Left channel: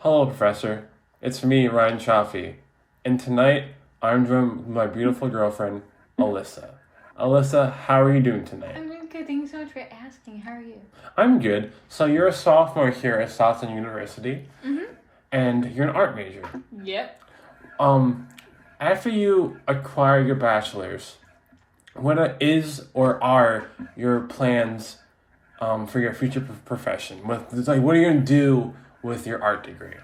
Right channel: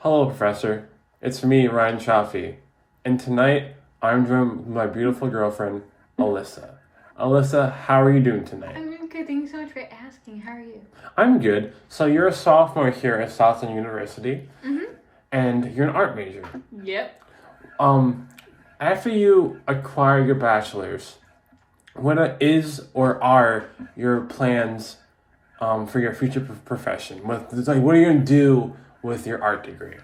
Hello, Professor. It's me, Ryan Chaffee. And tonight, I'm joined with my beautiful girlfriend, Alyssa. Alyssa, how are you doing tonight? I'm doing good. Thank you so much for asking. How are you? I'm good. So, you're a sophomore here at Stockton University, Mm-hmm. and you're an art major. Yep. Um, After you acquire your bachelor's, what is or are your plans for your future profession? What are you going to do with your art degree?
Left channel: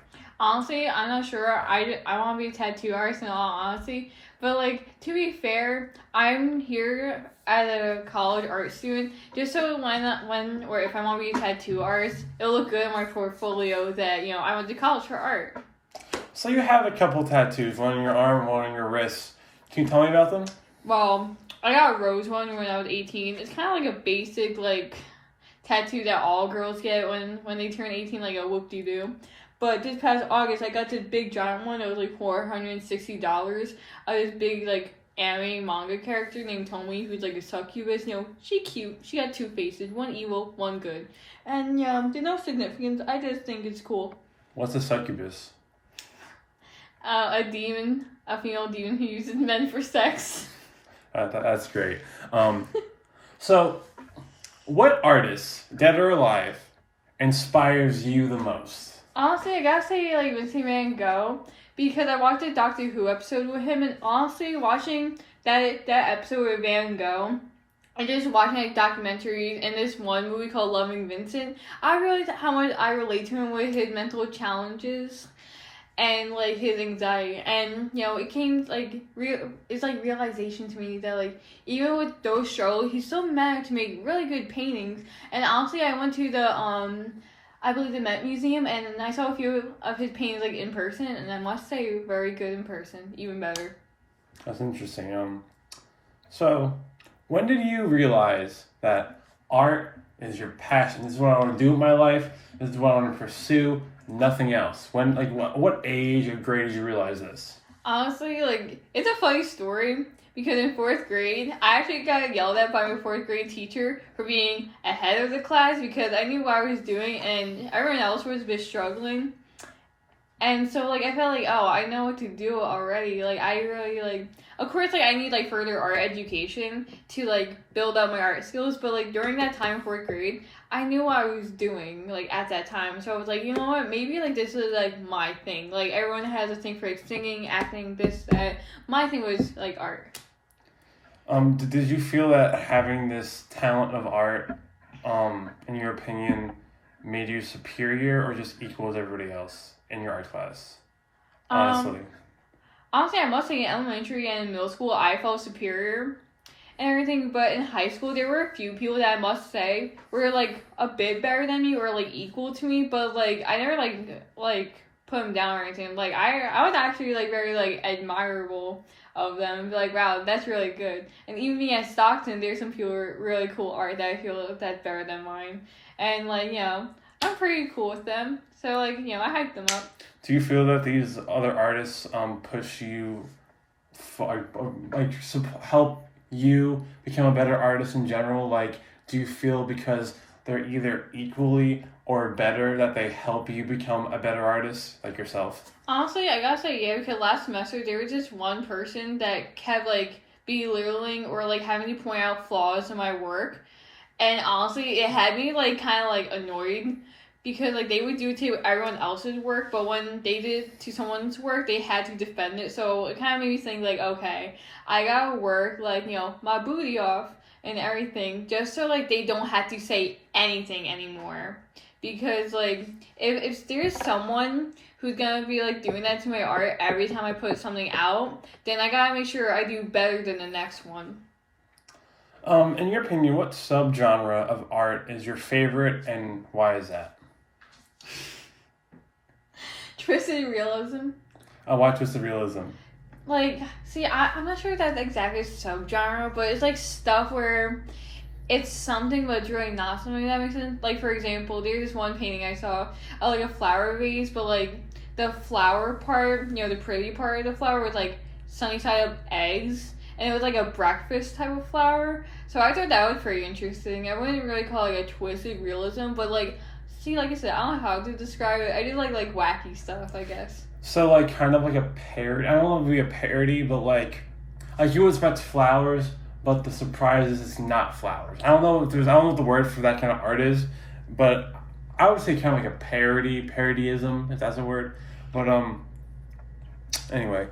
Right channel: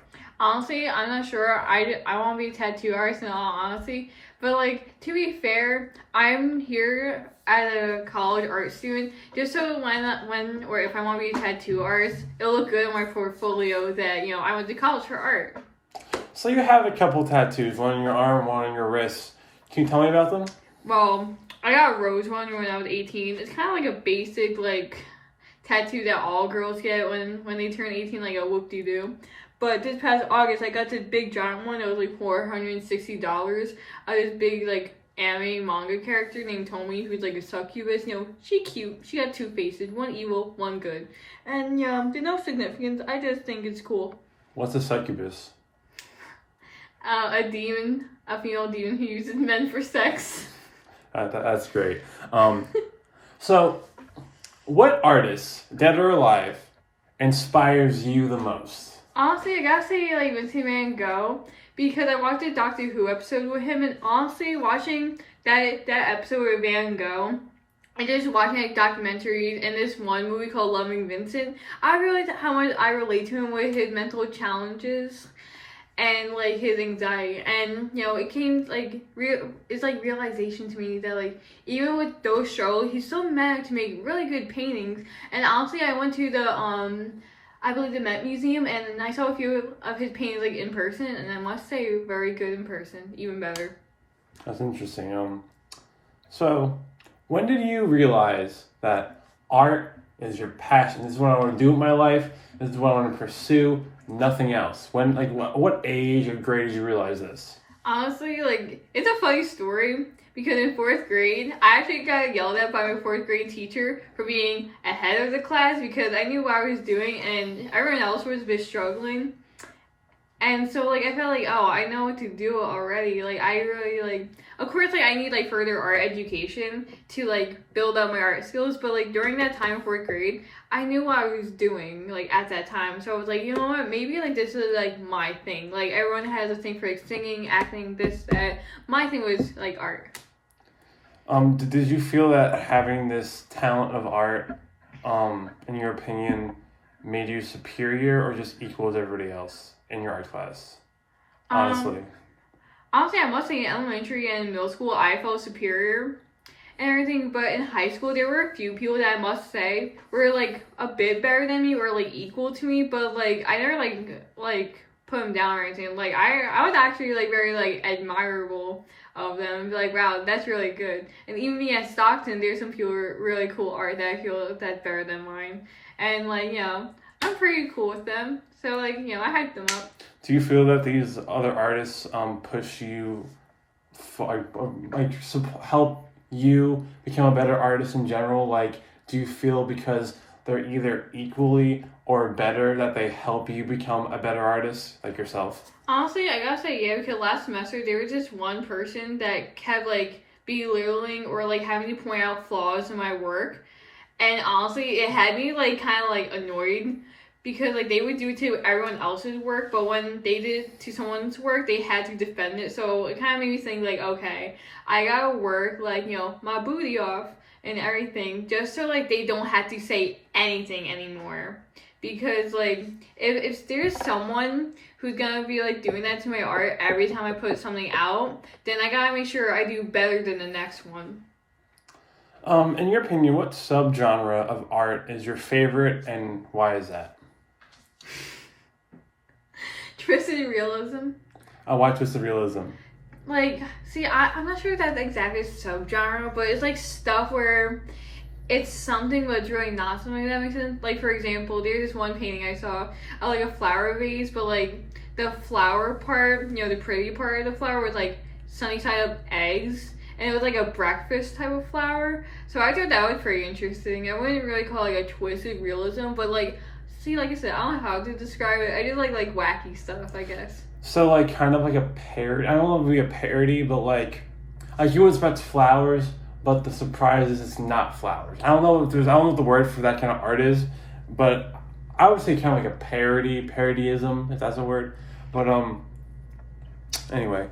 Honestly, I'm not sure. I want to be a tattoo artist in all honesty. But, to be fair, I'm here as a college art student just so when or if I want to be a tattoo artist, it'll look good in my portfolio that, I went to college for art. So you have a couple tattoos, one on your arm, one on your wrist. Can you tell me about them? Well, I got a rose one when I was 18. It's kind of like a basic, tattoo that all girls get when they turn 18, like a whoop-de-doo. But this past August, I got this big giant one. It was like $460. This big anime manga character named Tomi, who's like a succubus. She cute. She got two faces, one evil, one good. And there's no significance. I just think it's cool. What's a succubus? A demon, a female demon who uses men for sex. That's great. So, what artist, dead or alive, inspires you the most? Honestly, I gotta say, Vincent Van Gogh, because I watched a Doctor Who episode with him, and honestly, watching that episode with Van Gogh, and just watching documentaries and this one movie called Loving Vincent, I realized how much I relate to him with his mental challenges and his anxiety, and it came it's realization to me that even with those struggles, he's still managed to make really good paintings. And honestly, I went to the I believe the Met Museum, and I saw a few of his paintings in person, and I must say, very good in person, even better. That's interesting. So, when did you realize that art is your passion? This is what I want to do with my life. This is what I want to pursue. Nothing else. When, what age or grade did you realize this? Honestly, it's a funny story because in fourth grade, I actually got yelled at by my fourth grade teacher for being ahead of the class because I knew what I was doing and everyone else was a bit struggling. And so, I felt oh, I know what to do already. I really, of course, I need, further art education to, build up my art skills. But, during that time, fourth grade, I knew what I was doing, at that time. So I was you know what, maybe, this is, my thing. Everyone has a thing for, singing, acting, this, that. My thing was, art. Did you feel that having this talent of art, in your opinion, made you superior or just equal as everybody else in your art class? Honestly. Honestly, I must say in elementary and middle school, I felt superior and everything. But in high school, there were a few people that I must say were, a bit better than me or, equal to me. But, I never, put them down or anything. I was actually, very, admirable of them and be wow, that's really good. And even me at Stockton, there's some people with really cool art that I feel that's better than mine. And, I'm pretty cool with them. So, I hype them up. Do you feel that these other artists push you, help you become a better artist in general? Do you feel because they're either equally or better that they help you become a better artist, like yourself? Honestly, I gotta say yeah, because last semester there was just one person that kept belittling or having to point out flaws in my work, and honestly, it had me kind of annoyed because they would do it to everyone else's work, but when they did it to someone's work, they had to defend it. So it kind of made me think okay, I gotta work my booty off and everything just so they don't have to say anything anymore. Because if there's someone who's gonna be doing that to my art every time I put something out, then I gotta make sure I do better than the next one. In your opinion, what subgenre of art is your favorite and why is that? Twisted realism. Why twisted realism? See, I'm not sure if that's exactly a subgenre, but it's stuff where it's something but it's really not something, that makes sense. For example, there's this one painting I saw of a flower vase, but the flower part, the pretty part of the flower was sunny side up eggs, and it was a breakfast type of flower. So I thought that was pretty interesting. I wouldn't really call it a twisted realism, but See, like I said, I don't know how to describe it. I did like wacky stuff, I guess. So like kind of like a parody. I don't know if it would be a parody, but like you would expect flowers, but the surprise is it's not flowers. I don't know if there's I don't know what the word for that kind of art is, but I would say kind of like a parodyism, if that's a word. But anyway,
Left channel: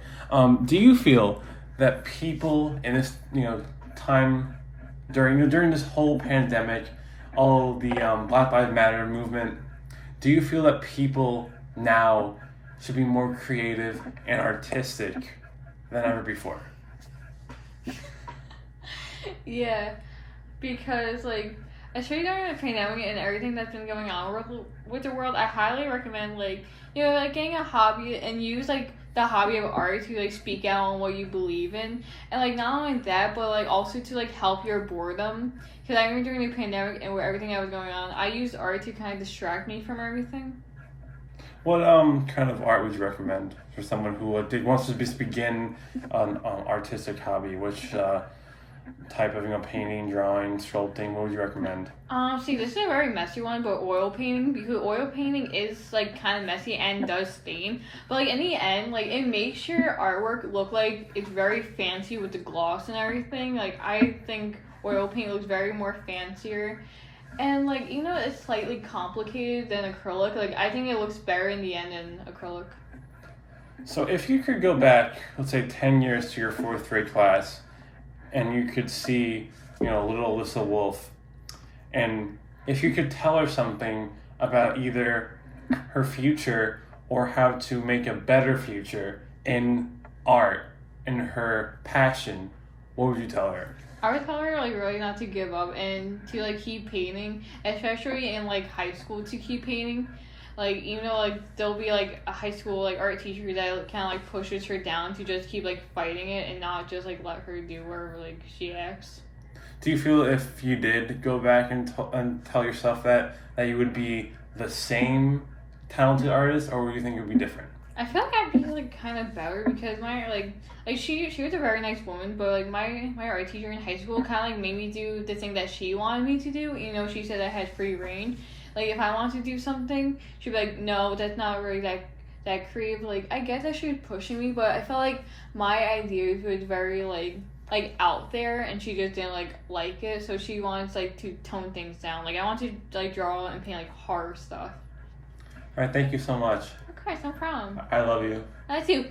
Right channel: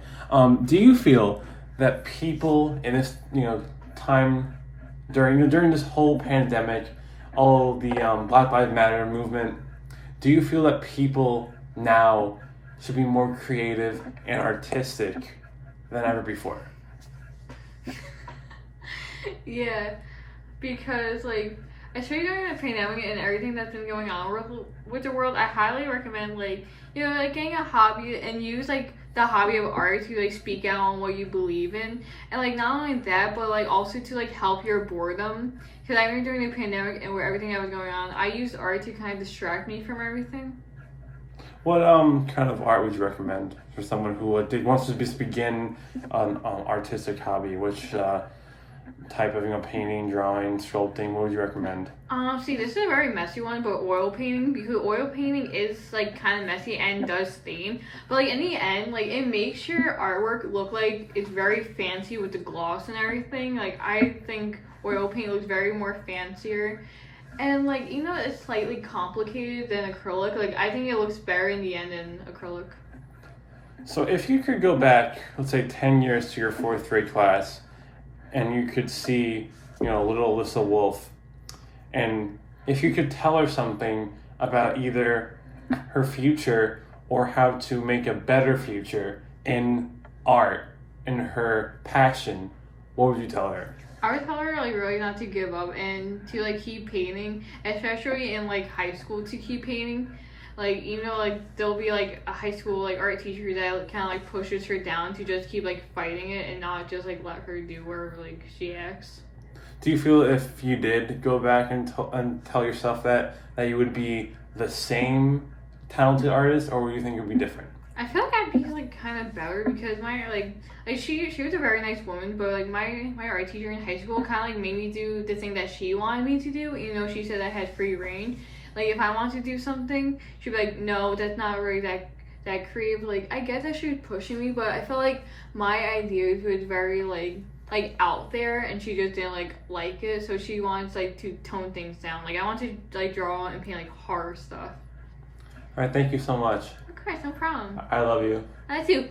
do you feel that people in this time during this whole pandemic, all the Black Lives Matter movement, do you feel that people now should be more creative and artistic than ever before? Yeah, because like especially during the pandemic and everything that's been going on with the world, I highly recommend like like getting a hobby and use like the hobby of art to like speak out on what you believe in, and like not only that but like also to like help your boredom. Because I remember during the pandemic and with everything that was going on, I used art to kind of distract me from everything. What kind of art would you recommend for someone who wants to just begin an artistic hobby? Which type of painting, drawing, sculpting? What would you recommend? See, this is a very messy one, but oil painting, because oil painting is like kind of messy and does stain, but like in the end, like it makes your artwork look like it's very fancy with the gloss and everything. Like I think oil paint looks very more fancier, and like it's slightly complicated than acrylic. Like I think it looks better in the end than acrylic. So if you could go back, let's say 10 years to your fourth grade class, and you could see, little Alyssa Wolf, and if you could tell her something about either her future or how to make a better future in art, in her passion, what would you tell her? I would tell her like really not to give up and to like keep painting, especially in like high school, to keep painting. Like even though like there'll be like a high school like art teacher that kind of like pushes her down to just keep like fighting it and not just like let her do where like she acts. Do you feel if you did go back and tell yourself that you would be the same talented artist, or would you think it would be different? I feel like I'd be like kind of better because my like she was a very nice woman, but like my art teacher in high school kind of like made me do the thing that she wanted me to do. She said I had free reign. Like if I wanted to do something, she'd be like, no, that's not really that creative. Like I get that she was pushing me, but I felt like my ideas was very like out there, and she just didn't like it. So she wants like to tone things down. Like I want to like draw and paint like horror stuff. All right, thank you so much. Of course, no problem. I love you. I too.